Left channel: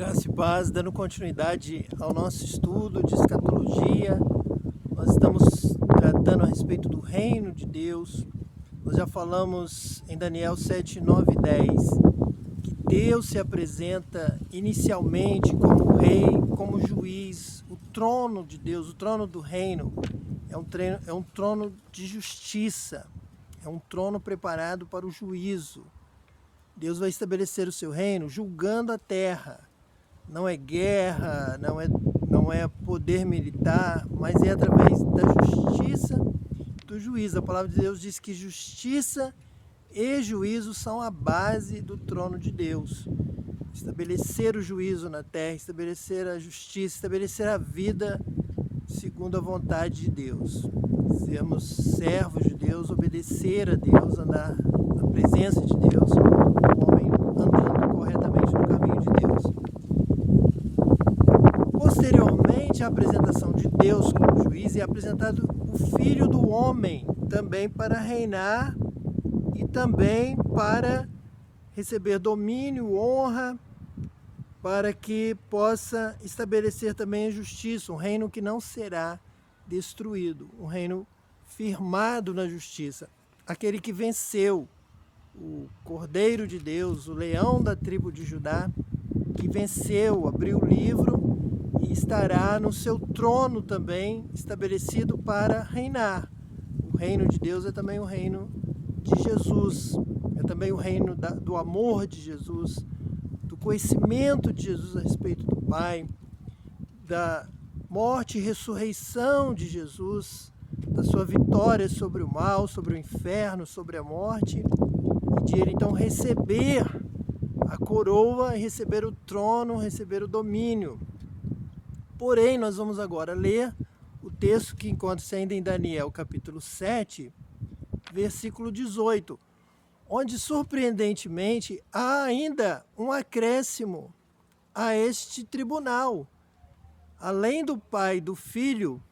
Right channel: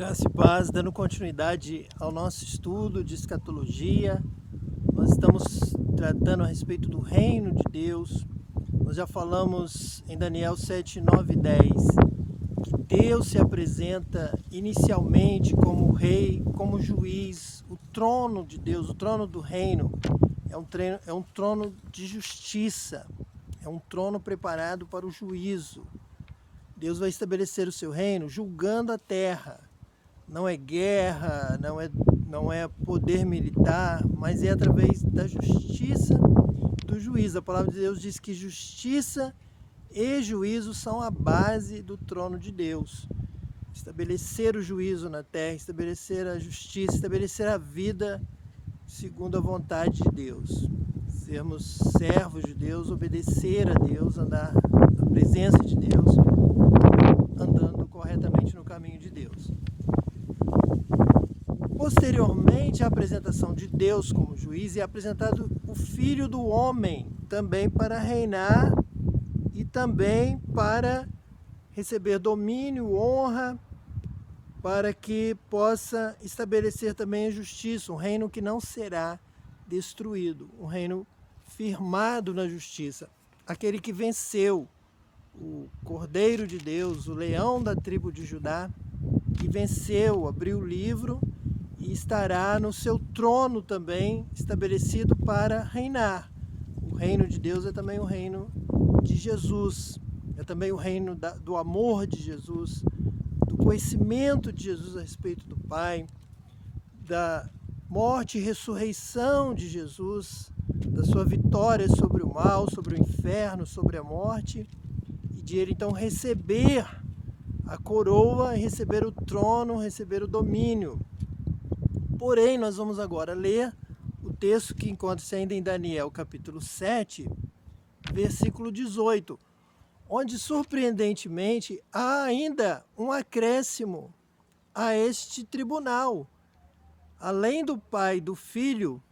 Graça e paz, dando continuidade ao nosso estudo de escatologia. Nós estamos tratando a respeito do reino de Deus. Nós já falamos em Daniel 7, 9 e 10 que Deus se apresenta inicialmente como rei, como juiz. O trono de Deus, o trono do reino, é um trono de justiça, é um trono preparado para o juízo. Deus vai estabelecer o seu reino julgando a terra. Não é guerra, não é poder militar, mas é através da justiça do juízo. A palavra de Deus diz que justiça e juízo são a base do trono de Deus. Estabelecer o juízo na terra, estabelecer a justiça, estabelecer a vida segundo a vontade de Deus. Sermos servos de Deus, obedecer a Deus, andar na presença de Deus, andando corretamente no caminho de Deus. Posteriormente à apresentação de Deus como juiz, é apresentado o Filho do Homem também para reinar e também para receber domínio, honra, para que possa estabelecer também a justiça, um reino que não será destruído, um reino firmado na justiça. Aquele que venceu, o Cordeiro de Deus, o leão da tribo de Judá, que venceu, abriu o livro e estará no seu trono também estabelecido para reinar. O reino de Deus é também o reino de Jesus, é também o reino do amor de Jesus, do conhecimento de Jesus a respeito do Pai, da morte e ressurreição de Jesus, da sua vitória sobre o mal, sobre o inferno, sobre a morte, e de ele então receber a coroa, receber o trono, receber o domínio. Porém, nós vamos agora ler o texto que encontra-se ainda em Daniel, capítulo 7, versículo 18, onde, surpreendentemente, há ainda um acréscimo a este tribunal. Além do Pai e do Filho,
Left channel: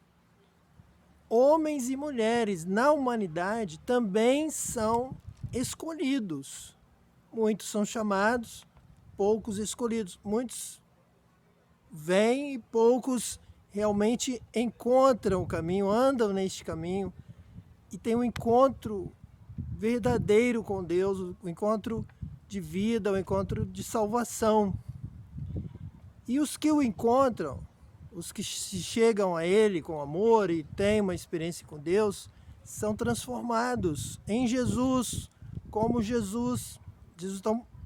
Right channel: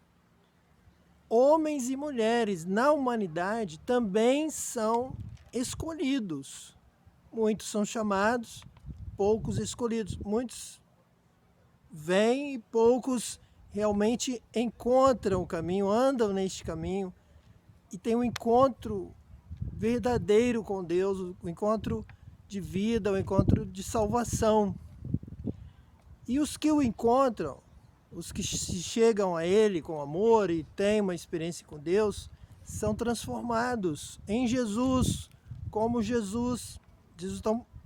homens e mulheres na humanidade também são escolhidos. Muitos são chamados, poucos escolhidos. Muitos vêm e poucos realmente encontram o caminho, andam neste caminho e têm um encontro verdadeiro com Deus, um encontro de vida, um encontro de salvação. E os que o encontram, os que se chegam a Ele com amor e têm uma experiência com Deus, são transformados em Jesus, como Jesus.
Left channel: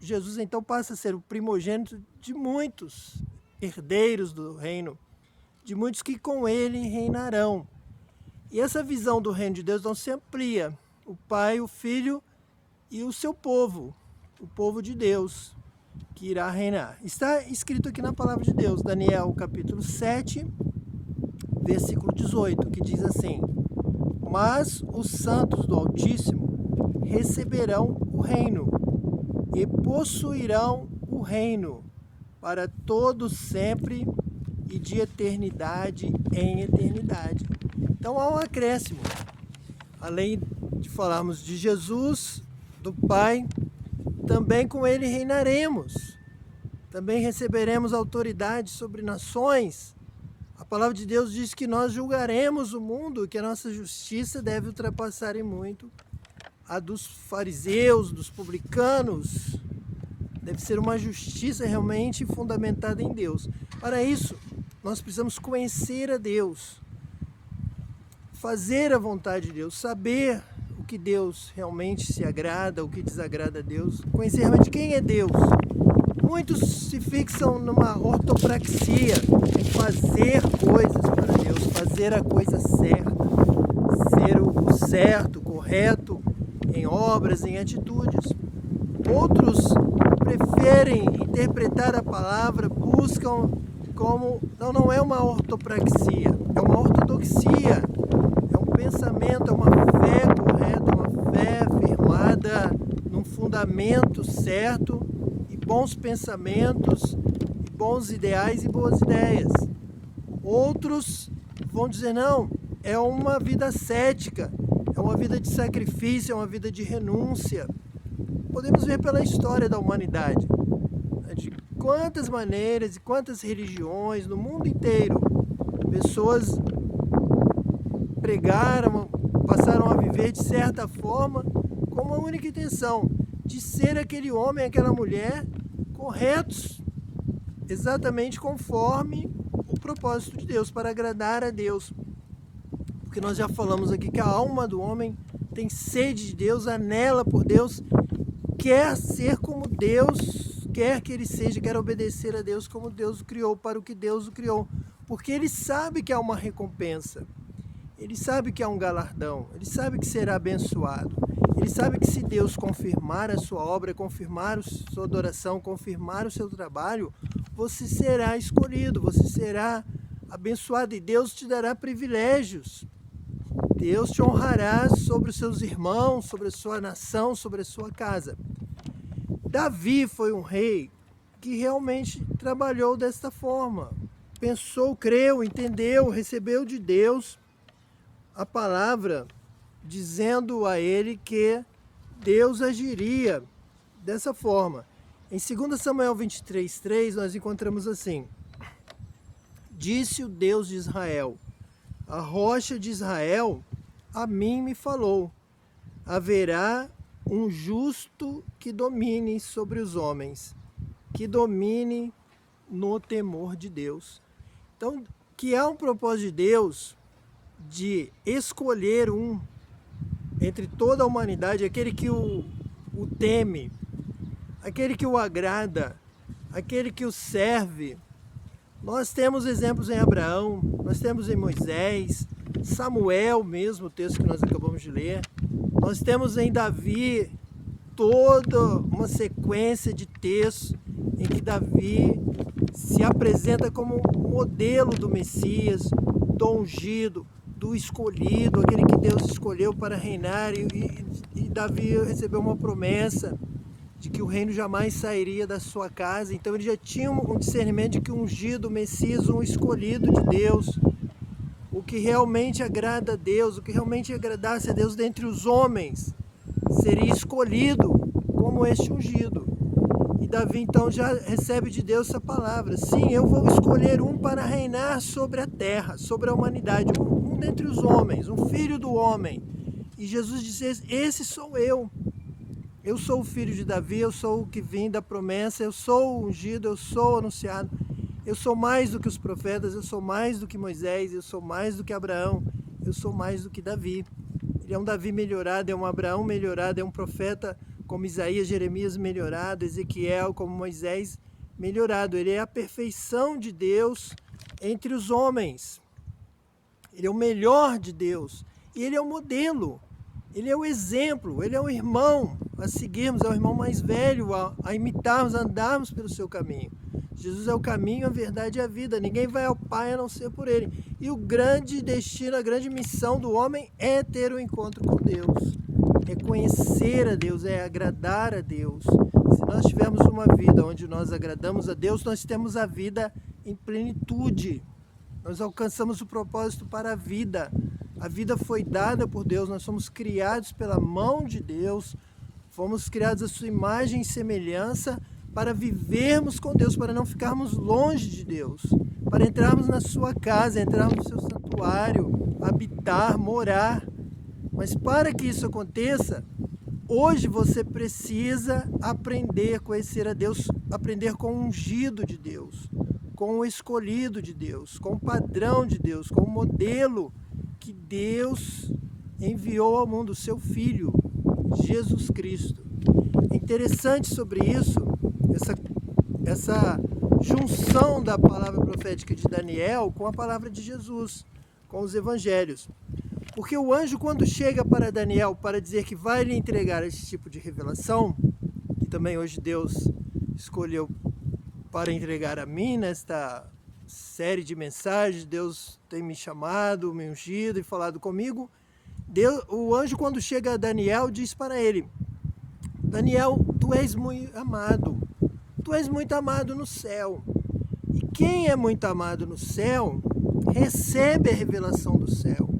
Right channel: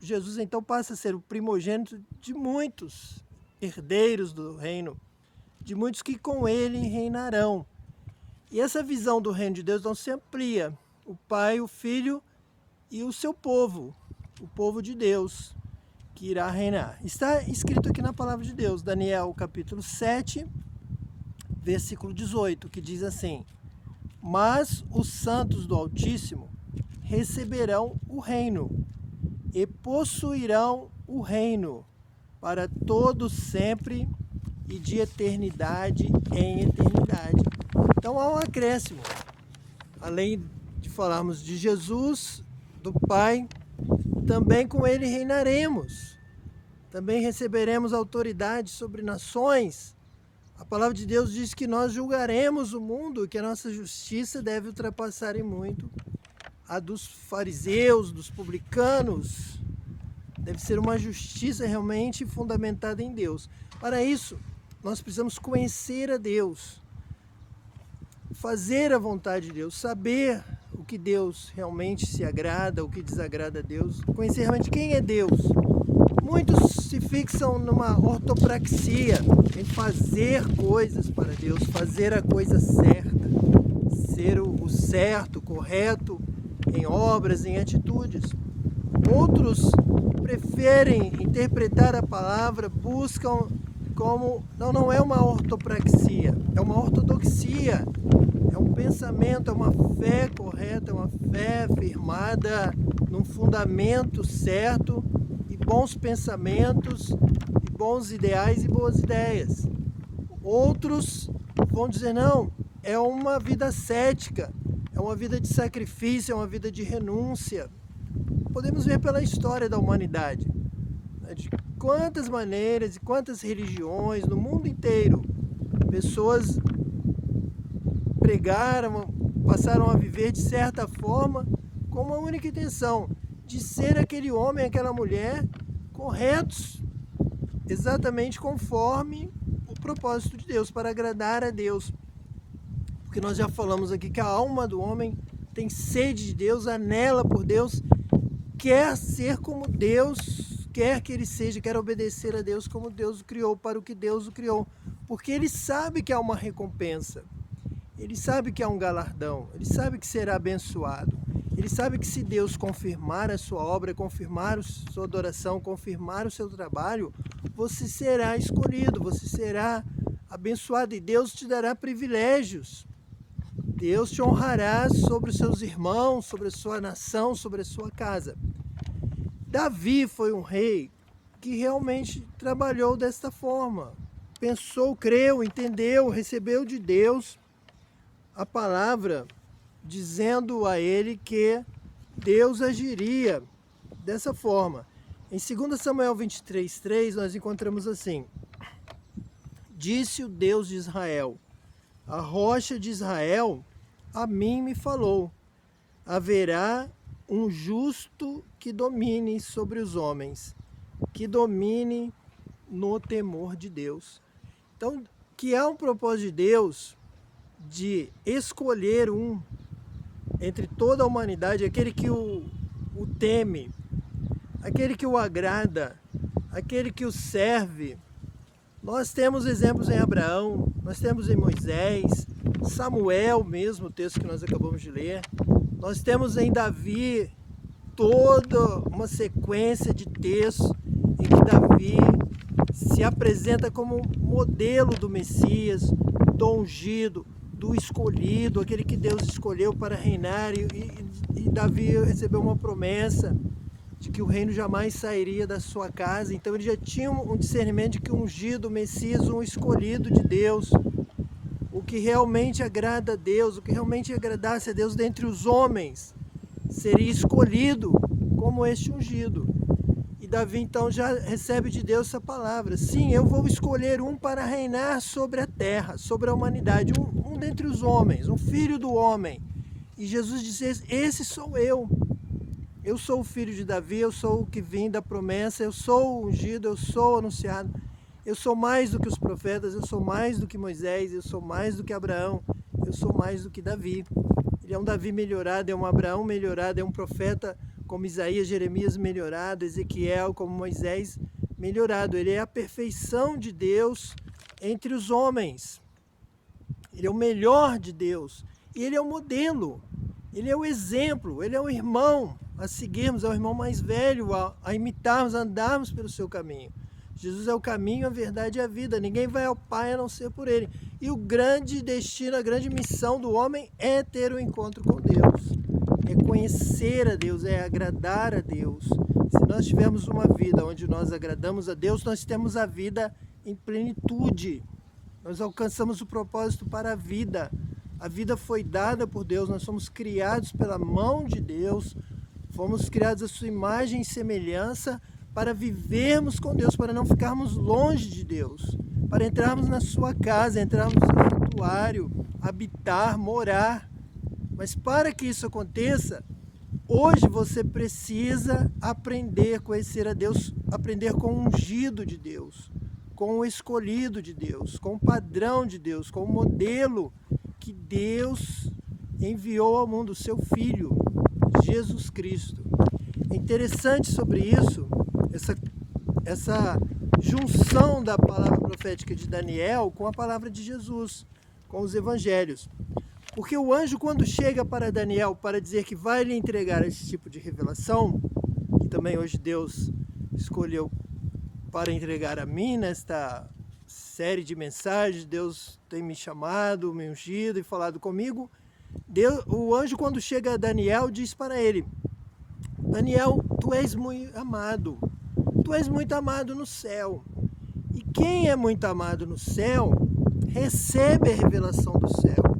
Jesus então passa a ser o primogênito de muitos herdeiros do reino, de muitos que com Ele reinarão. E essa visão do reino de Deus não se amplia. O Pai, o Filho e o seu povo, o povo de Deus, que irá reinar. Está escrito aqui na palavra de Deus, Daniel capítulo 7, versículo 18, que diz assim: mas os santos do Altíssimo receberão o reino e possuirão o reino para todos sempre e de eternidade em eternidade. Então há um acréscimo. Além de falarmos de Jesus, do Pai, também com Ele reinaremos. Também receberemos autoridade sobre nações. A palavra de Deus diz que nós julgaremos o mundo, que a nossa justiça deve ultrapassar em muito a dos fariseus, dos publicanos. Deve ser uma justiça realmente fundamentada em Deus. Para isso, nós precisamos conhecer a Deus, fazer a vontade de Deus, saber o que Deus realmente se agrada, o que desagrada a Deus, conhecer realmente quem é Deus. Muitos se fixam numa ortopraxia, em fazer coisas para Deus, fazer a coisa certa, ser o certo, correto, em obras, em atitudes. Outros preferem interpretar a palavra, buscam como, não é uma ortopraxia, é uma ortodoxia, é um pensamento, é uma fé correta, é uma fé firmada num fundamento certo, e bons pensamentos, e bons ideais e boas ideias. Outros vão dizer, não, é uma vida ascética, é uma vida de sacrifício, é uma vida de renúncia. Podemos ver pela história da humanidade, de quantas maneiras e quantas religiões no mundo inteiro. Pessoas pregaram, passaram a viver de certa forma com uma única intenção, de ser aquele homem, aquela mulher corretos, exatamente conforme o propósito de Deus, para agradar a Deus. Porque nós já falamos aqui que a alma do homem tem sede de Deus, anela por Deus, quer ser como Deus quer que ele seja, quer obedecer a Deus como Deus o criou, para o que Deus o criou. Porque ele sabe que há uma recompensa, ele sabe que há um galardão, ele sabe que será abençoado. Ele sabe que se Deus confirmar a sua obra, confirmar a sua adoração, confirmar o seu trabalho, você será escolhido, você será abençoado e Deus te dará privilégios. Deus te honrará sobre os seus irmãos, sobre a sua nação, sobre a sua casa. Davi foi um rei que realmente trabalhou desta forma. Pensou, creu, entendeu, recebeu de Deus a palavra, dizendo a ele que Deus agiria dessa forma. Em 2 Samuel 23:3 nós encontramos assim: disse o Deus de Israel, a rocha de Israel a mim me falou, haverá um justo que domine sobre os homens, que domine no temor de Deus. Então, que há um propósito de Deus de escolher um entre toda a humanidade, aquele que o teme, aquele que o agrada, aquele que o serve. Nós temos exemplos em Abraão, nós temos em Moisés, Samuel mesmo, o texto que nós acabamos de ler. Nós temos em Davi toda uma sequência de textos em que Davi se apresenta como modelo do Messias, do ungido, do escolhido, aquele que Deus escolheu para reinar, e Davi recebeu uma promessa de que o reino jamais sairia da sua casa. Então ele já tinha um discernimento de que o ungido, o Messias, um escolhido de Deus, o que realmente agrada a Deus, o que realmente agradasse a Deus dentre os homens, seria escolhido como este ungido. E Davi então já recebe de Deus essa palavra: sim, eu vou escolher um para reinar sobre a terra, sobre a humanidade, um dentre os homens, um filho do homem. E Jesus diz: esse sou eu. Eu sou o filho de Davi, eu sou o que vim da promessa, eu sou o ungido, eu sou o anunciado. Eu sou mais do que os profetas, eu sou mais do que Moisés, eu sou mais do que Abraão, eu sou mais do que Davi. Ele é um Davi melhorado, é um Abraão melhorado, é um profeta como Isaías, Jeremias melhorado, Ezequiel como Moisés melhorado. Ele é a perfeição de Deus entre os homens. Ele é o melhor de Deus e ele é o modelo. Ele é o exemplo, ele é o irmão a seguirmos, é o irmão mais velho a imitarmos, a andarmos pelo seu caminho. Jesus é o caminho, a verdade e a vida. Ninguém vai ao Pai a não ser por ele. E o grande destino, a grande missão do homem é ter um encontro com Deus. É conhecer a Deus, é agradar a Deus. Se nós tivermos uma vida onde nós agradamos a Deus, nós temos a vida em plenitude. Nós alcançamos o propósito para a vida. A vida foi dada por Deus, nós somos criados pela mão de Deus, fomos criados à sua imagem e semelhança para vivermos com Deus, para não ficarmos longe de Deus, para entrarmos na sua casa, entrarmos no seu santuário, habitar, morar. Mas para que isso aconteça, hoje você precisa aprender a conhecer a Deus, aprender com o ungido de Deus, com o escolhido de Deus, com o padrão de Deus, com o modelo que Deus enviou ao mundo, o seu Filho, Jesus Cristo. É interessante sobre isso, essa junção da palavra profética de Daniel com a palavra de Jesus, com os evangelhos. Porque o anjo, quando chega para Daniel para dizer que vai lhe entregar esse tipo de revelação, que também hoje Deus escolheu para entregar a mim nesta série de mensagens, Deus tem me chamado, me ungido e falado comigo. O anjo, quando chega a Daniel, diz para ele: Daniel, tu és muito amado, tu és muito amado no céu. E quem é muito amado no céu, recebe a revelação do céu.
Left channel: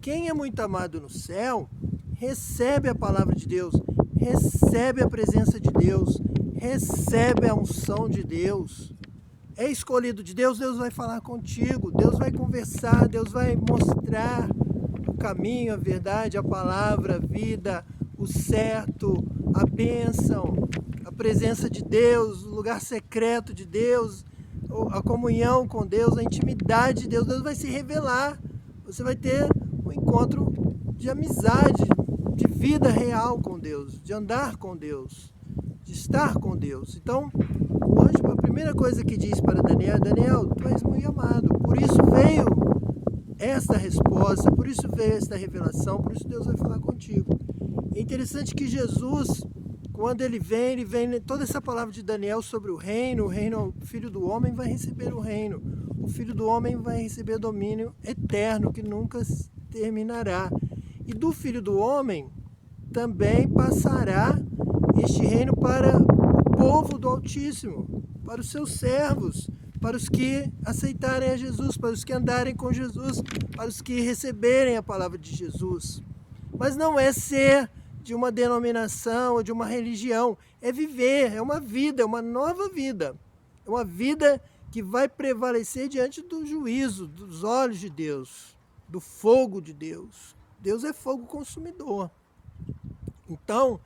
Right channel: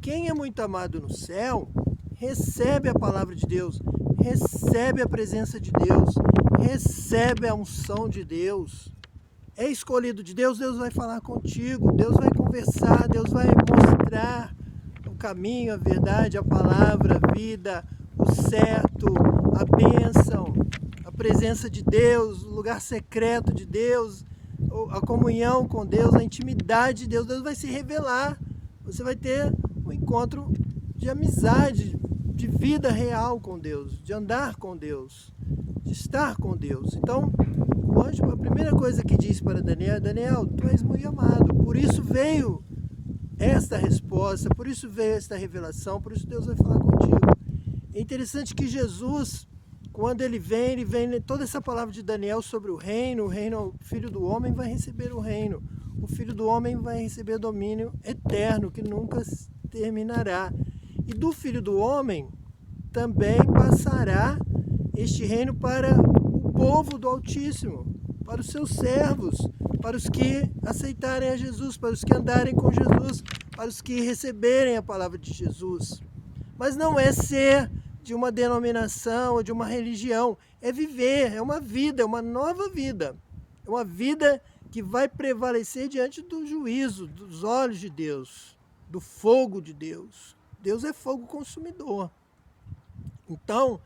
Quem é muito amado no céu, recebe a palavra de Deus, recebe a presença de Deus, recebe a unção de Deus, é escolhido de Deus, Deus vai falar contigo, Deus vai conversar, Deus vai mostrar o caminho, a verdade, a palavra, a vida, o certo, a bênção, a presença de Deus, o lugar secreto de Deus, a comunhão com Deus, a intimidade de Deus. Deus vai se revelar, você vai ter um encontro de amizade, de vida real com Deus, de andar com Deus, de estar com Deus. Então, o anjo, a primeira coisa que diz para Daniel: Daniel, tu és muito amado, por isso veio esta resposta, por isso veio esta revelação, por isso Deus vai falar contigo. É interessante que Jesus, quando ele vem toda essa palavra de Daniel sobre o reino, o filho do homem vai receber o reino, o filho do homem vai receber domínio eterno, que nunca terminará. E do filho do homem também passará este reino para o povo do Altíssimo, para os seus servos, para os que aceitarem a Jesus, para os que andarem com Jesus, para os que receberem a palavra de Jesus. Mas não é ser de uma denominação ou de uma religião, é viver, é uma vida, é uma nova vida, é uma vida que vai prevalecer diante do juízo, dos olhos de Deus, do fogo de Deus. Deus é fogo consumidor. Então,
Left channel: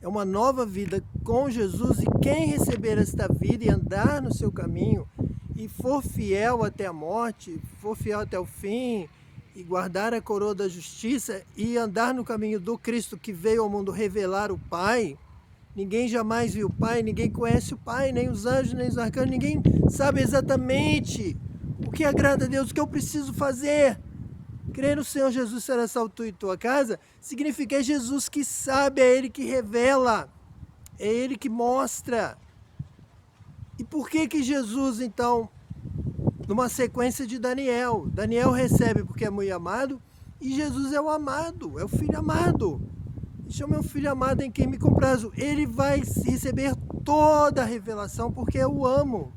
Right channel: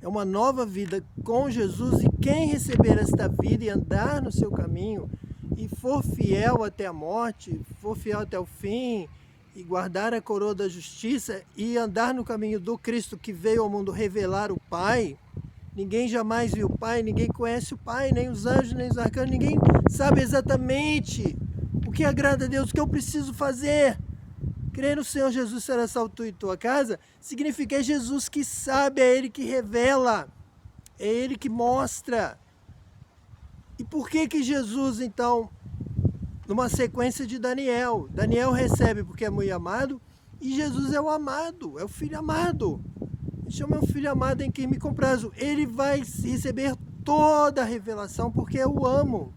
é uma nova vida com Jesus, e quem receber esta vida e andar no seu caminho e for fiel até a morte, for fiel até o fim, e guardar a coroa da justiça e andar no caminho do Cristo que veio ao mundo revelar o Pai. Ninguém jamais viu o Pai, ninguém conhece o Pai, nem os anjos, nem os arcanjos, ninguém sabe exatamente o que agrada a Deus, o que eu preciso fazer. Crer no Senhor Jesus será salvo tu e tua casa, significa é Jesus que sabe, é Ele que revela, é Ele que mostra. E por que Jesus, então, numa sequência de Daniel recebe porque é muito amado, e Jesus é o amado, é o filho amado. Chama o filho amado em quem me comprazo. Ele vai receber toda a revelação porque eu o amo.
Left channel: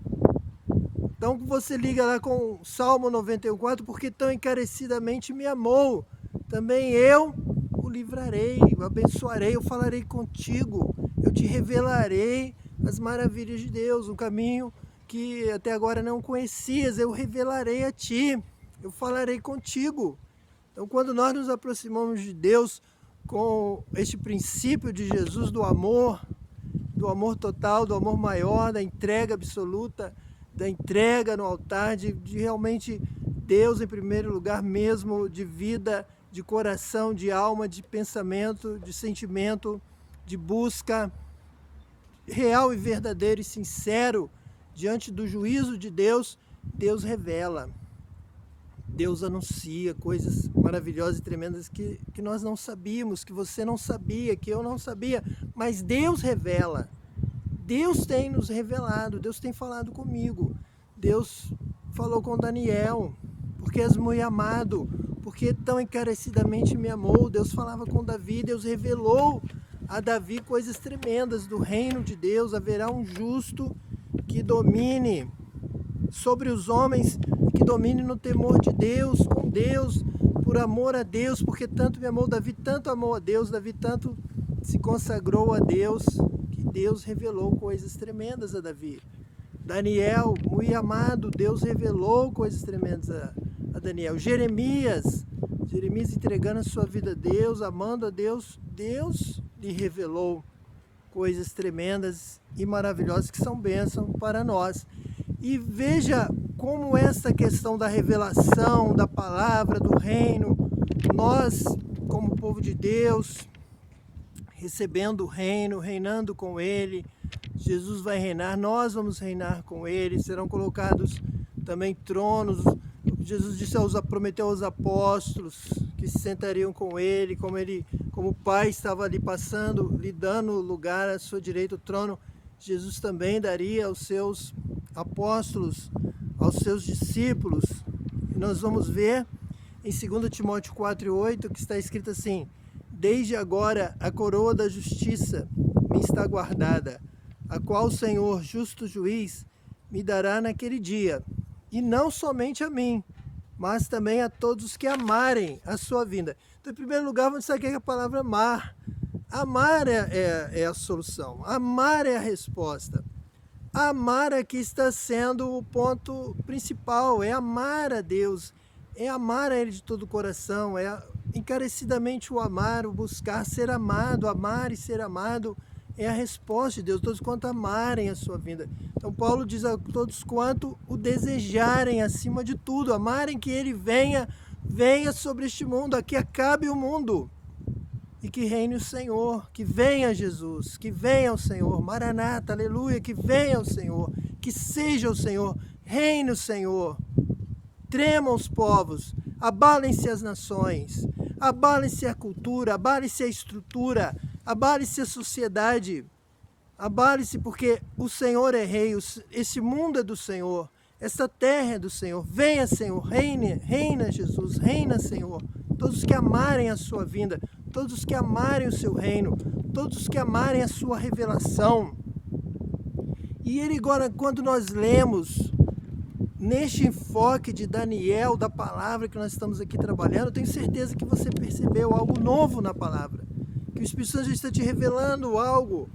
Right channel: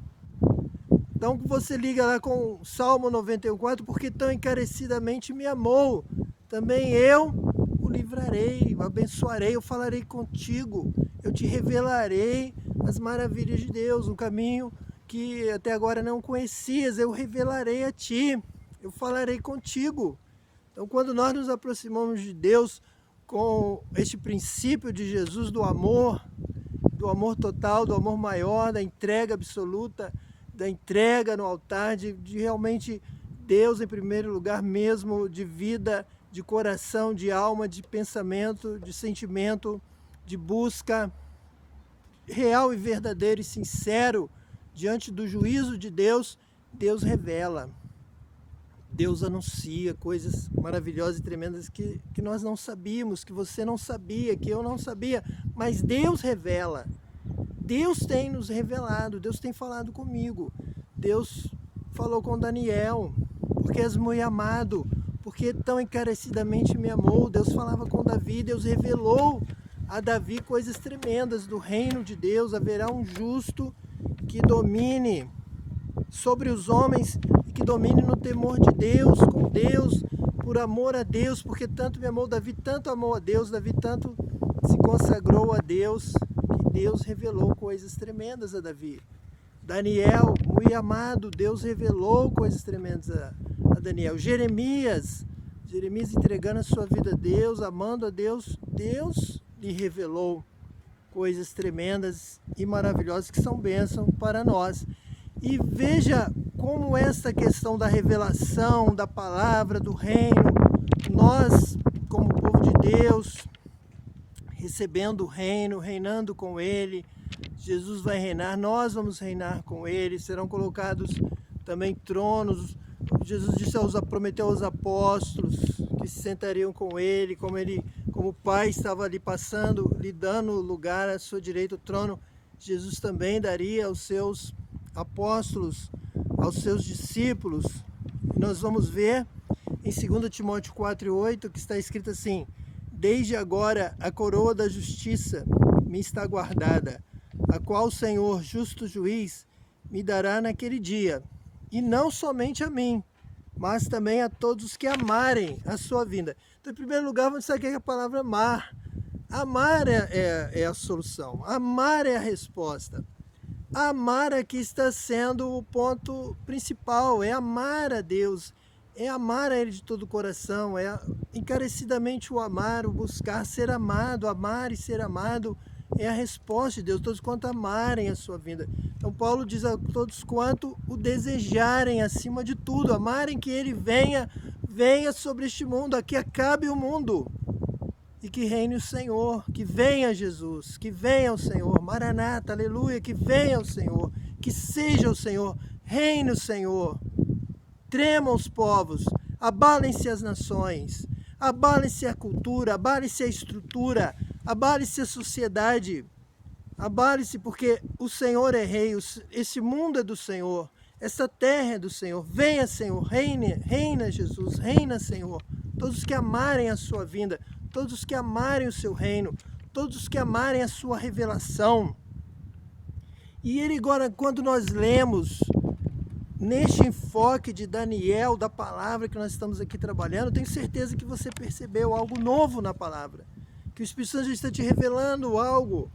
Então você liga lá com Salmo 91:4, porque tão encarecidamente me amou, também eu o livrarei, o abençoarei, eu falarei contigo, eu te revelarei as maravilhas de Deus, um caminho que até agora não conhecias, eu revelarei a ti, eu falarei contigo. Então quando nós nos aproximamos de Deus com este princípio de Jesus do amor total, do amor maior, da entrega absoluta, da entrega no altar, de realmente Deus em primeiro lugar mesmo, de vida, de coração, de alma, de pensamento, de sentimento, de busca real e verdadeiro e sincero diante do juízo de Deus, Deus revela, Deus anuncia coisas maravilhosas e tremendas que nós não sabíamos, que você não sabia, que eu não sabia, mas Deus revela. Deus tem nos revelado, Deus tem falado comigo. Deus falou com Daniel, porque és muito amado, porque tão encarecidamente me amou. Deus falava com Davi, Deus revelou a Davi coisas tremendas do reino de Deus. Haverá um justo que domine sobre os homens, que domine no temor de Deus, com Deus, por amor a Deus, porque tanto me amou. Davi tanto amou a Deus, Davi tanto se consagrou a Deus, que Deus revelou coisas tremendas a Davi. Daniel, muito amado, Deus revelou coisas tremendas a Daniel. Jeremias entregando a sua vida a Deus, amando a Deus, Deus lhe revelou coisas tremendas e maravilhosas que são bênção para nós. E veja como esta questão da revelação, da palavra, do reino, nós, como povo de Deus, recebendo o reino, reinando com Ele, Jesus vai reinar, nós vamos reinar com Ele, serão colocados também tronos. Jesus prometeu aos apóstolos que se sentariam com Ele, como o Pai estava ali passando, lhe dando lugar à sua direita, o trono, Jesus também daria aos seus apóstolos, aos seus discípulos. E nós vamos ver em 2 Timóteo 4:8, que está escrito assim: desde agora a coroa da justiça me está guardada, a qual o Senhor, justo juiz, me dará naquele dia, e não somente a mim, mas também a todos os que amarem a sua vinda. Então, em primeiro lugar, vamos destacar a palavra amar. Amar é a solução, amar é a resposta. Amar aqui está sendo o ponto principal, é amar a Deus, é amar a Ele de todo o coração, é encarecidamente o amar, o buscar ser amado, amar e ser amado é a resposta de Deus, todos quanto amarem a sua vida. Então Paulo diz a todos quanto o desejarem acima de tudo, amarem que Ele venha sobre este mundo, aqui acabe o mundo. E que reine o Senhor, que venha Jesus, que venha o Senhor, Maranata, aleluia, que venha o Senhor, que seja o Senhor, reine o Senhor. Tremam os povos, abalem-se as nações, abalem-se a cultura, abalem-se a estrutura, abale-se a sociedade, abale-se porque o Senhor é rei, este mundo é do Senhor, esta terra é do Senhor. Venha, Senhor, reina Jesus, reina, Senhor. Todos que amarem a sua vinda, todos os que amarem o seu reino, todos os que amarem a sua revelação. E ele agora, quando nós lemos neste enfoque de Daniel, da palavra que nós estamos aqui trabalhando, tenho certeza que você percebeu algo novo na palavra, que o Espírito Santo está te revelando algo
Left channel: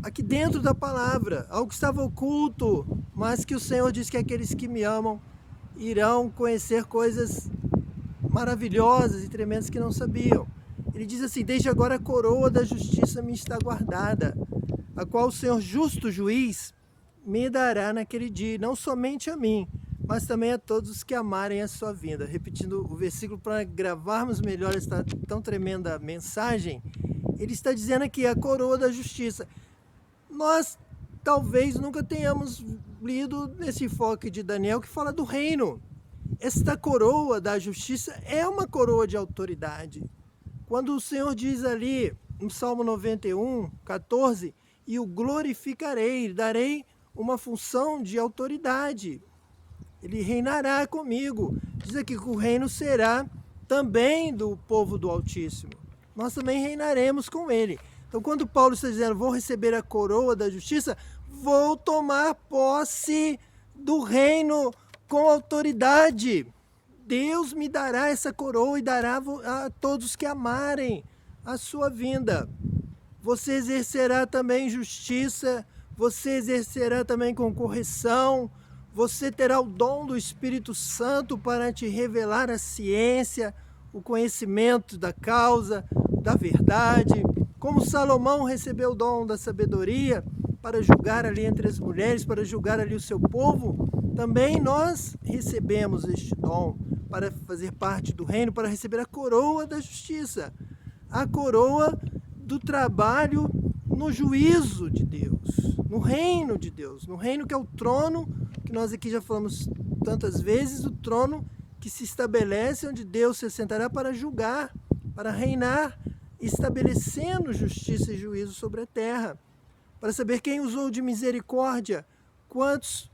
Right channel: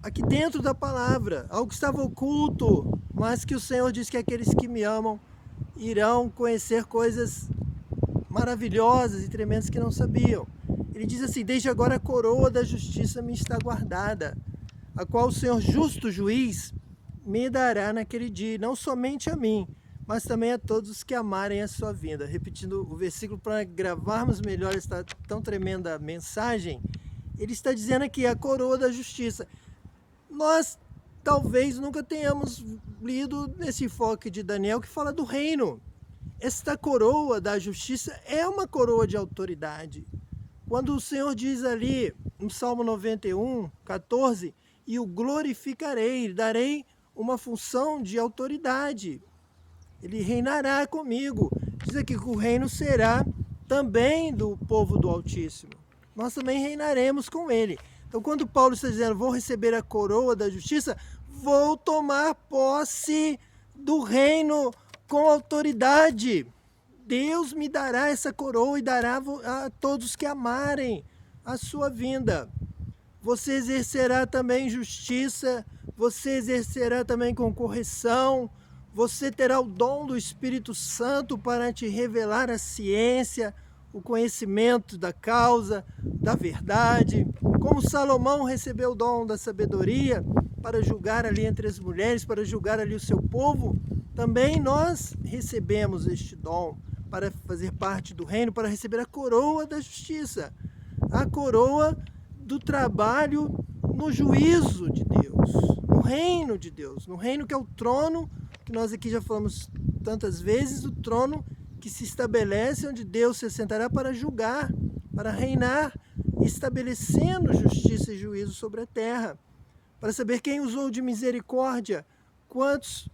aqui dentro da palavra, algo que estava oculto, mas que o Senhor diz que aqueles que me amam irão conhecer coisas maravilhosas e tremendas que não sabiam. Ele diz assim: desde agora a coroa da justiça me está guardada, a qual o Senhor justo juiz me dará naquele dia, não somente a mim, mas também a todos os que amarem a sua vinda. Repetindo o versículo para gravarmos melhor esta tão tremenda mensagem, ele está dizendo aqui a coroa da justiça. Nós talvez nunca tenhamos lido nesse enfoque de Daniel que fala do reino. Esta coroa da justiça é uma coroa de autoridade. Quando o Senhor diz ali, no Salmo 91, 14, e o glorificarei, darei uma função de autoridade. Ele reinará comigo. Diz aqui que o reino será também do povo do Altíssimo. Nós também reinaremos com ele. Então, quando Paulo está dizendo, vou receber a coroa da justiça, vou tomar posse do reino com autoridade. Deus me dará essa coroa e dará a todos que amarem a sua vinda. Você exercerá também justiça, você exercerá também com correção, você terá o dom do Espírito Santo para te revelar a ciência, o conhecimento da causa, da verdade. Como Salomão recebeu o dom da sabedoria para julgar ali entre as mulheres, para julgar ali o seu povo, também nós recebemos este dom para fazer parte do reino, para receber a coroa da justiça, a coroa do trabalho no juízo de Deus, no reino de Deus, no reino que é o trono, que nós aqui já falamos tantas vezes, o trono que se estabelece onde Deus se assentará para julgar, para reinar, estabelecendo justiça e juízo sobre a terra, para saber quem usou de misericórdia, quantos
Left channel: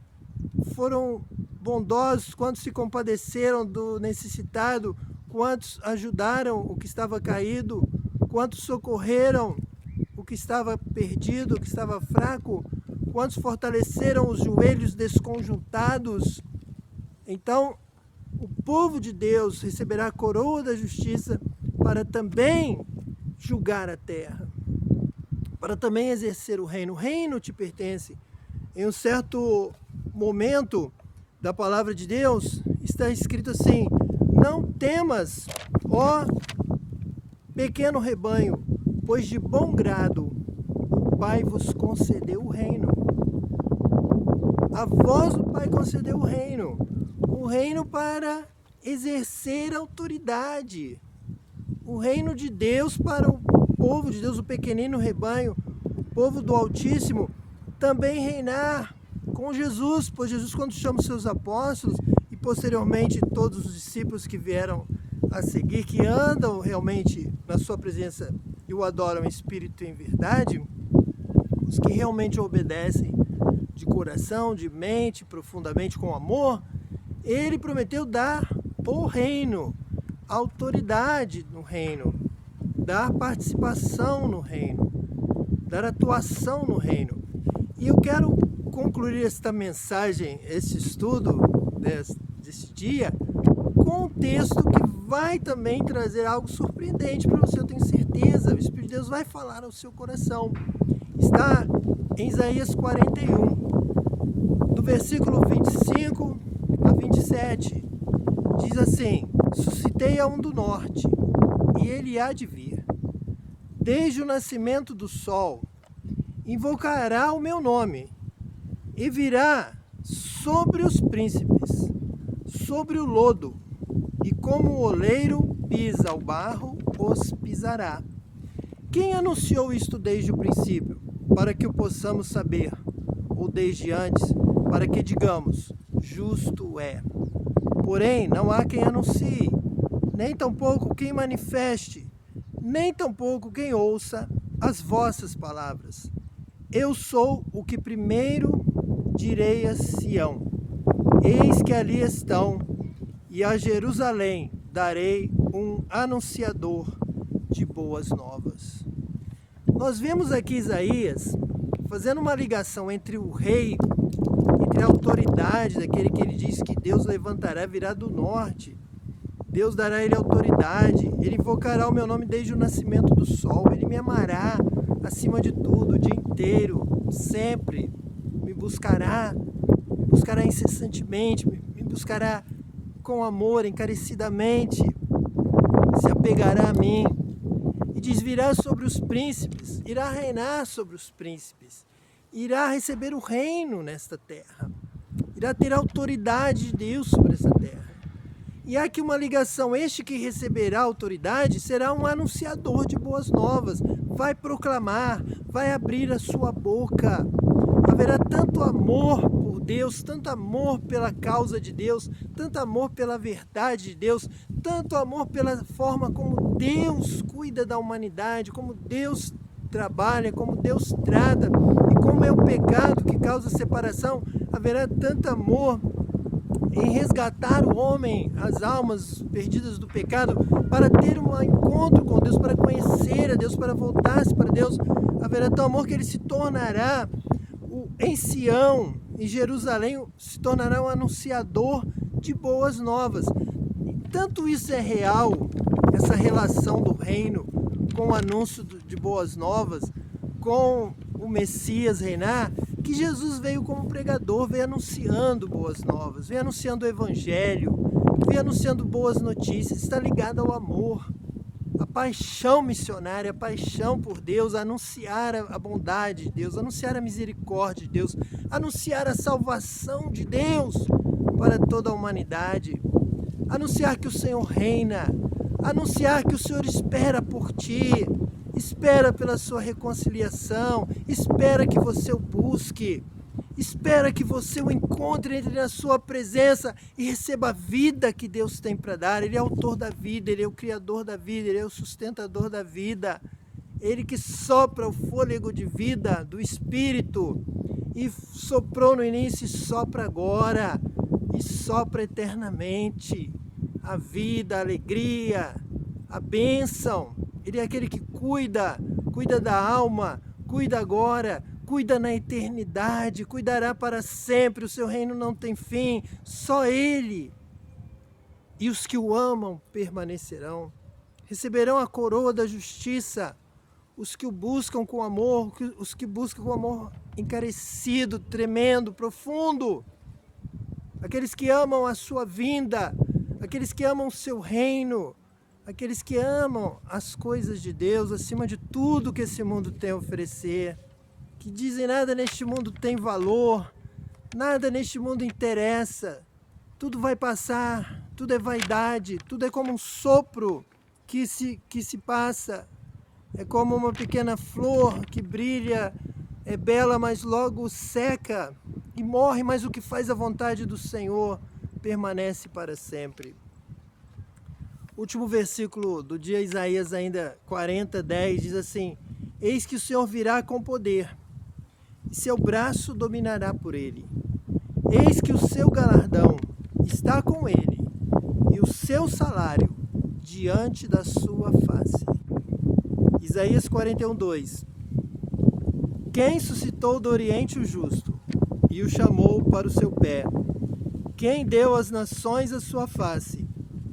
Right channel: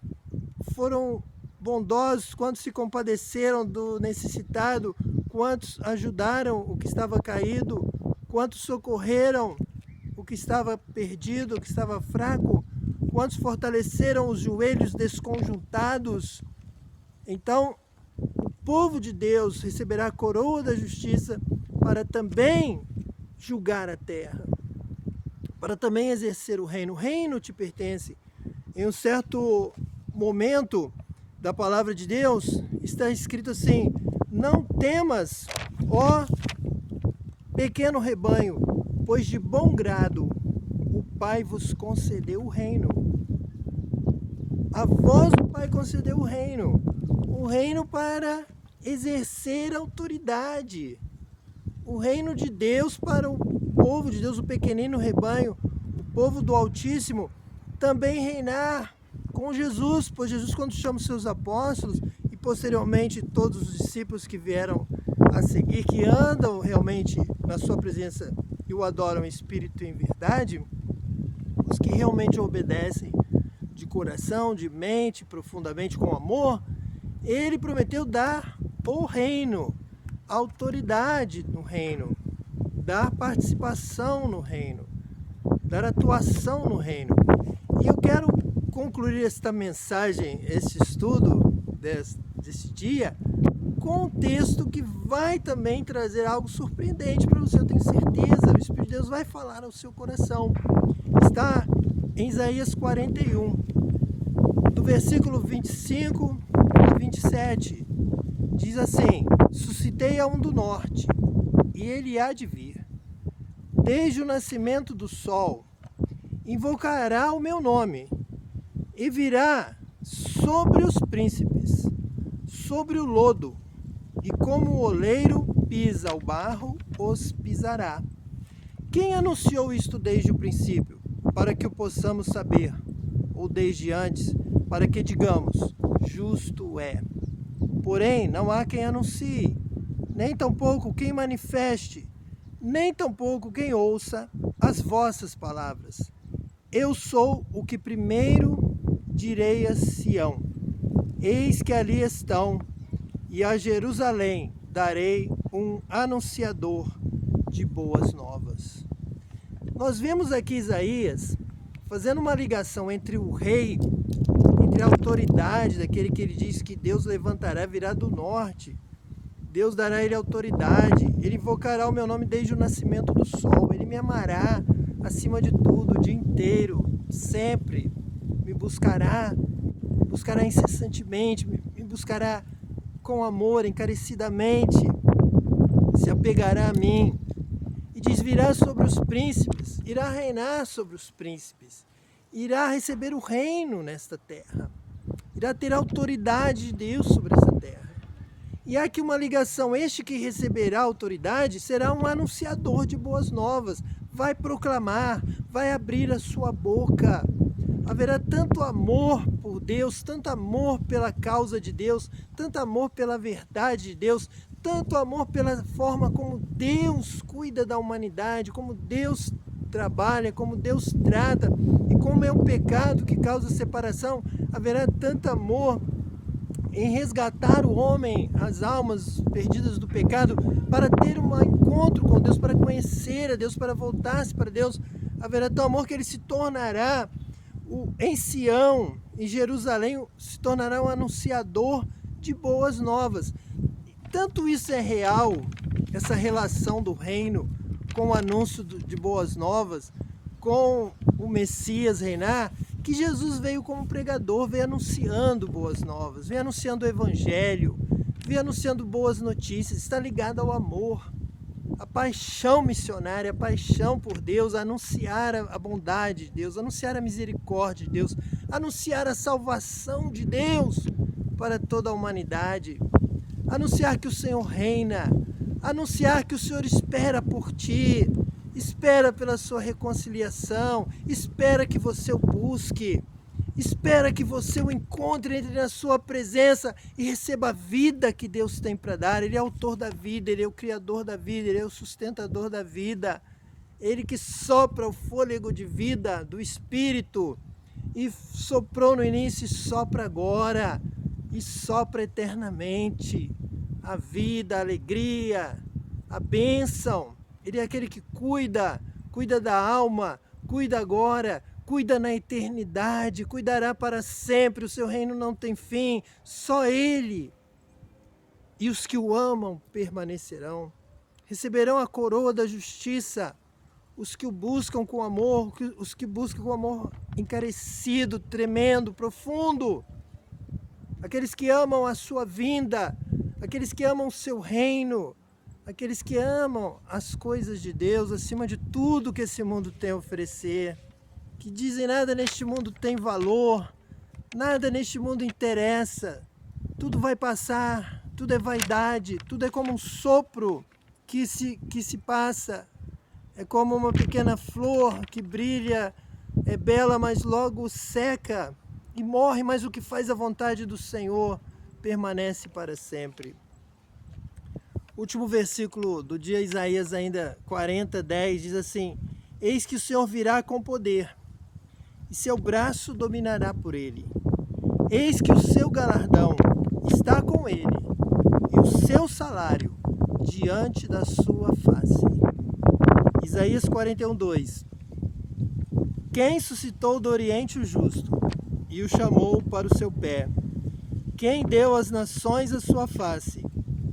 foram bondosos, quantos se compadeceram do necessitado, quantos ajudaram o que estava caído, quantos socorreram o que estava perdido, o que estava fraco, quantos fortaleceram os joelhos desconjuntados. Então, o povo de Deus receberá a coroa da justiça para também julgar a terra, para também exercer o reino. O reino te pertence. Em um certo momento da palavra de Deus, está escrito assim: não temas, ó pequeno rebanho, pois de bom grado o Pai vos concedeu o reino. A vós o Pai concedeu o reino para exercer autoridade, o reino de Deus para o povo de Deus, o pequenino rebanho, o povo do Altíssimo, também reinar com Jesus, pois Jesus, quando chama os seus apóstolos e posteriormente todos os discípulos que vieram a seguir, que andam realmente na sua presença e o adoram em espírito e em verdade, os que realmente obedecem de coração, de mente, profundamente com amor, ele prometeu dar o reino, autoridade no reino, dar participação no reino, dar atuação no reino. E eu quero concluir esta mensagem, esse estudo desse dia, contexto que vai também trazer algo surpreendente para você, eu tenho certeza. O Espírito de Deus vai falar ao seu coração. Está em Isaías 41, do versículo 25 a 27. Diz assim: suscitei a um do norte, e ele há de vir. Desde o nascimento do sol, invocará o meu nome, e virá sobre os príncipes, sobre o lodo, e como o oleiro pisa o barro, os pisará. Quem anunciou isto desde o princípio, para que o possamos saber, ou desde antes, para que digamos, justo é. Porém, não há quem anuncie, nem tampouco quem manifeste, nem tampouco quem ouça as vossas palavras. Eu sou o que primeiro direi a Sião, eis que ali estão, e a Jerusalém darei um anunciador de boas novas. Nós vemos aqui Isaías fazendo uma ligação entre o rei, entre a autoridade daquele que ele diz que Deus levantará, virá do norte. Deus dará a ele autoridade, ele invocará o meu nome desde o nascimento do sol, ele me amará acima de tudo, o dia inteiro, sempre, me buscará incessantemente, me buscará com amor, encarecidamente, se apegará a mim, e diz, virá sobre os príncipes, irá reinar sobre os príncipes, irá receber o reino nesta terra, irá ter a autoridade de Deus sobre essa terra. E há aqui uma ligação, este que receberá autoridade será um anunciador de boas novas, vai proclamar, vai abrir a sua boca. Haverá tanto amor por Deus, tanto amor pela causa de Deus, tanto amor pela verdade de Deus, tanto amor pela forma como Deus cuida da humanidade, como Deus trabalha, como Deus trata, e como é o pecado que causa separação. Haverá tanto amor em resgatar o homem, as almas perdidas do pecado, para ter um encontro com Deus, para conhecer a Deus, para voltar-se para Deus. Haverá tão amor que ele se tornará, em Sião, em Jerusalém, se tornará um anunciador de boas novas. E tanto isso é real, essa relação do reino com o anúncio de boas novas, com o Messias reinar, que Jesus veio como pregador, veio anunciando boas novas, veio anunciando o evangelho, veio anunciando boas notícias, está ligado ao amor, a paixão missionária, a paixão por Deus, anunciar a bondade de Deus, anunciar a misericórdia de Deus, anunciar a salvação de Deus para toda a humanidade, anunciar que o Senhor reina, anunciar que o Senhor espera por ti, espera pela sua reconciliação, espera que você o busque, espera que você o encontre, entre na sua presença e receba a vida que Deus tem para dar. Ele é o autor da vida, Ele é o criador da vida, Ele é o sustentador da vida. Ele que sopra o fôlego de vida do Espírito, e soprou no início e sopra agora, e sopra eternamente a vida, a alegria, a bênção. Ele é aquele que cuida da alma, cuida agora, cuida na eternidade, cuidará para sempre, o seu reino não tem fim, só Ele e os que o amam permanecerão, receberão a coroa da justiça, os que o buscam com amor, os que buscam com amor encarecido, tremendo, profundo, aqueles que amam a sua vinda, aqueles que amam o seu reino, aqueles que amam as coisas de Deus acima de tudo que esse mundo tem a oferecer, que dizem nada neste mundo tem valor, nada neste mundo interessa, tudo vai passar, tudo é vaidade, tudo é como um sopro que se passa, é como uma pequena flor que brilha, é bela, mas logo seca e morre, mas o que faz a vontade do Senhor permanece para sempre. Último versículo do dia, Isaías ainda 40:10, diz assim: eis que o Senhor virá com poder, e seu braço dominará por ele. Eis que o seu galardão está com ele, e o seu salário diante da sua face. Isaías 41:2. Quem suscitou do Oriente o justo, e o chamou para o seu pé? Quem deu às nações a sua face,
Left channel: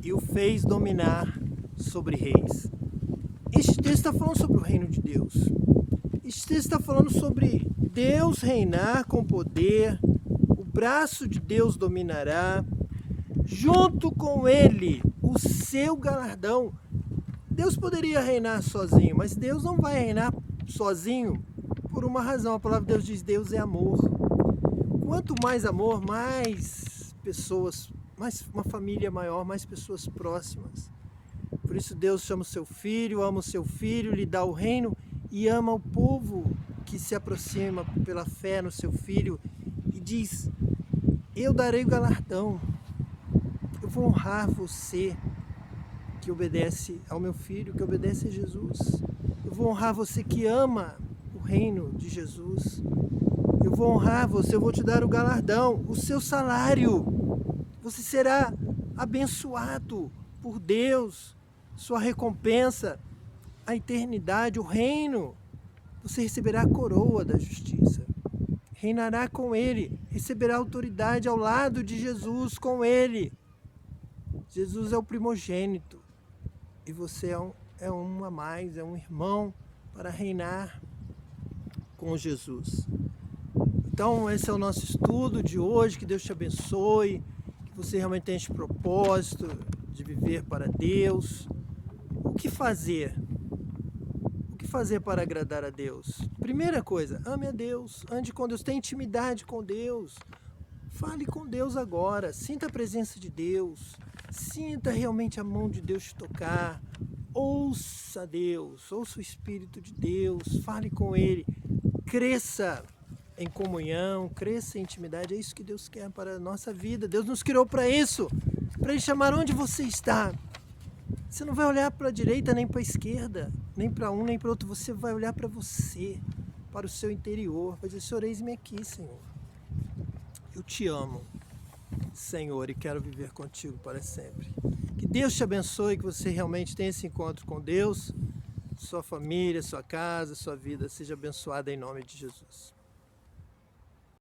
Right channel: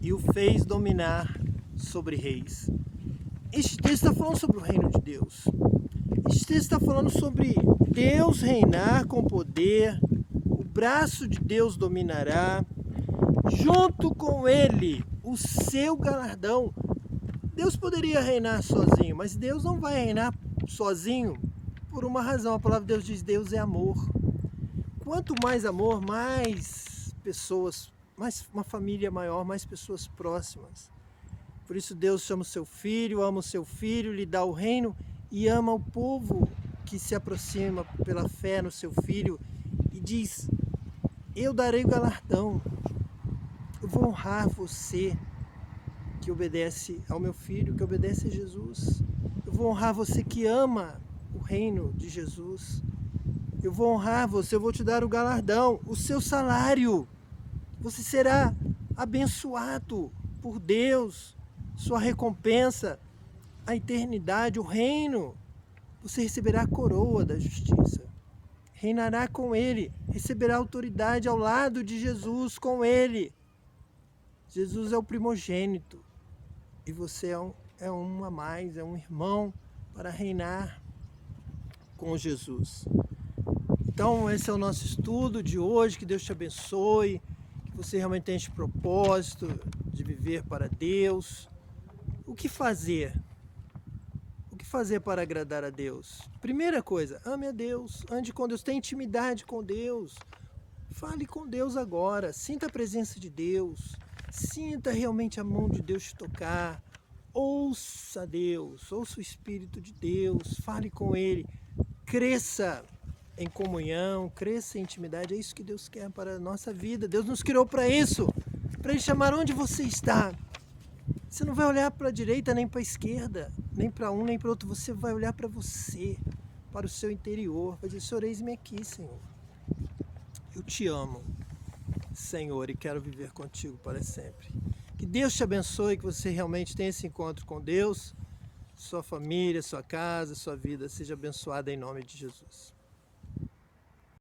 e o fez dominar sobre reis. Este texto está falando sobre o reino de Deus. Este texto está falando sobre Deus reinar com poder, o braço de Deus dominará, junto com ele o seu galardão. Deus poderia reinar sozinho, mas Deus não vai reinar sozinho por uma razão. A palavra de Deus diz: Deus é amor. Quanto mais amor, mais pessoas, mais uma família maior, mais pessoas próximas. Por isso Deus chama o seu filho, ama o seu filho, lhe dá o reino e ama o povo que se aproxima pela fé no seu filho e diz: eu darei o galardão, eu vou honrar você que obedece ao meu filho, que obedece a Jesus. Eu vou honrar você que ama o reino de Jesus. Eu vou honrar você, eu vou te dar o galardão, o seu salário. Você será abençoado por Deus, sua recompensa, a eternidade, o reino. Você receberá a coroa da justiça. Reinará com ele, receberá autoridade ao lado de Jesus com ele. Jesus é o primogênito. E você é um a mais, é um irmão para reinar com Jesus. Então esse é o nosso estudo de hoje, que Deus te abençoe, que você realmente tenha esse propósito de viver para Deus. O que fazer? O que fazer para agradar a Deus? Primeira coisa, ame a Deus, ande com Deus, tenha intimidade com Deus. Fale com Deus agora, sinta a presença de Deus. Sinta realmente a mão de Deus te tocar, ouça Deus, ouça o Espírito de Deus, fale com Ele, cresça em comunhão, cresça em intimidade, é isso que Deus quer para a nossa vida. Deus nos criou para isso, para Ele chamar onde você está. Você não vai olhar para a direita nem para a esquerda, nem para um nem para o outro, você vai olhar para você, para o seu interior, vai dizer: Senhor, eis-me aqui, Senhor, eu te amo, Senhor, e quero viver contigo para sempre. Que Deus te abençoe, que você realmente tenha esse encontro com Deus, sua família, sua casa, sua vida seja abençoada em nome de Jesus.